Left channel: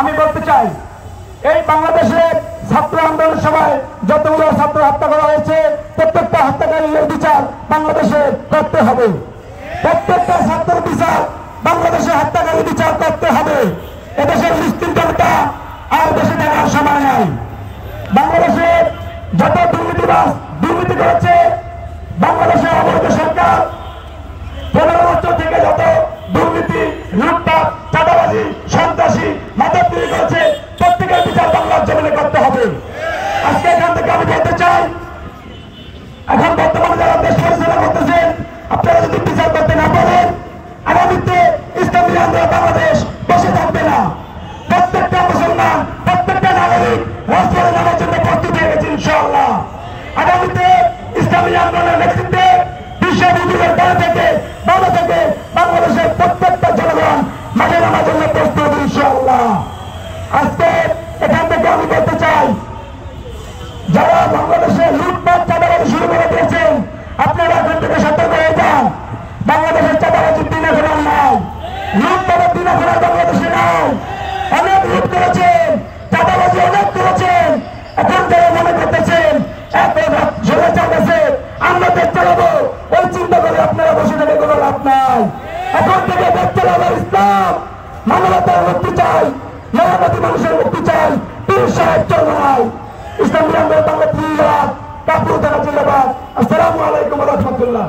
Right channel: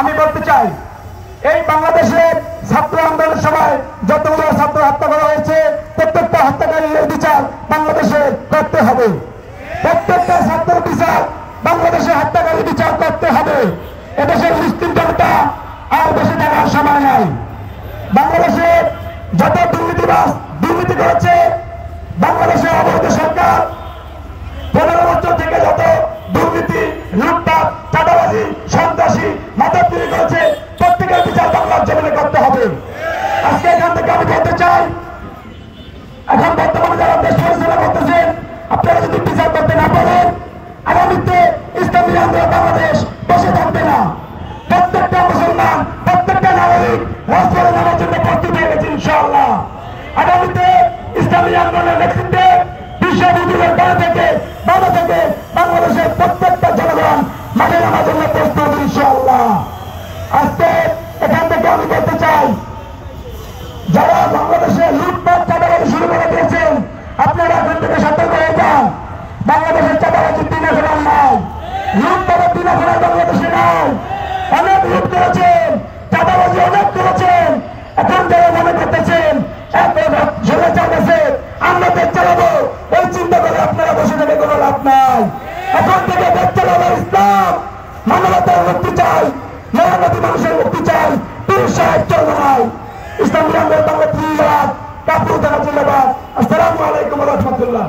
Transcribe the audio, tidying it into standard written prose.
আমি বলতে চাই, এই বাংলাদেশের ছাত্র আন্দোলনের সময় যতগুলো ছাত্র হত্যা করা হয়েছে প্রত্যেকটা হত্যাকারীর বিচার বাংলাদেশে করতে হবে। প্রত্যেকটা ছাত্রের বিচার বাংলাদেশে হত্যাকারী বিচার করতে হবে। এদেশের মুসলিম জনতা আর বেশি থাকার সময় নাই। বাংলাদেশে যত দুর্নীতি করেছে, বাংলাদেশে অবৈধ সরকার 15 বছর থেকে যত দুর্নীতি, লুটপাট, চাঁদাবাজি, সন্ত্রাসী, মাদক তৈরি করেছে, প্রত্যেকের বিচার বাংলার জমিনে করতে হবে। আজকে এখান থেকে আমি বলতে চাই, এখন বর্তমান যারা দেশ পরিচালনা করতেছেন, আপনারা যদি বিচার করতে না পারেন, আগামীতে ইসলামী আন্দোলন বাংলাদেশ বসে থাকবে না। প্রত্যেকটা মুসলমান, প্রত্যেকটা নাগরিক রাজপথে নামার জন্য প্রস্তুত হয়ে গেছে ইনশাআল্লাহ। আগামীতে ইসলামী আন্দোলনের নেতৃত্বে বিশ্ববিদ্যালয়ের বাইরে থেকে বাংলাদেশের প্রত্যেকটা জনগণ মাঠে নামার জন্য প্রস্তুত ইনশাআল্লাহ। আজকে এখান থেকে আমি বলতে চাই, যারা বাংলাদেশে লুটপাট চাঁদাবাজি শুরু করে দিয়েছেন, আপনারা এখন থেকে সতর্ক হয়ে যান। বাংলাদেশের চাঁদাবাজির দিন এখন আর নাই, লুটপাটের দিন এখন আর বাংলাদেশে নাই। অনেক লুট করেছেন, চাঁদাবাজি অনেক করেছেন। এখন যারা মনে করতেছেন ষোলো চালাচ্ছে, আমরা দেশ চালাবো, ওই চিন্তা করে আপনারা বসে থেকে কোনো লাভ নাই। এখন থেকে দেশ চালাবো ইসলাম, মানবতার মুক্তি চাই, মেহনতি মানুষের মুক্তি চাই, পীর সাহেব চলবে নাই। ইসলামী আন্দোলন বাংলা জিন্দাবাদ, কাপুর থানা জিন্দাবাদ। আসসালামু আলাইকুম ওয়া রাহমাতুল্লাহ।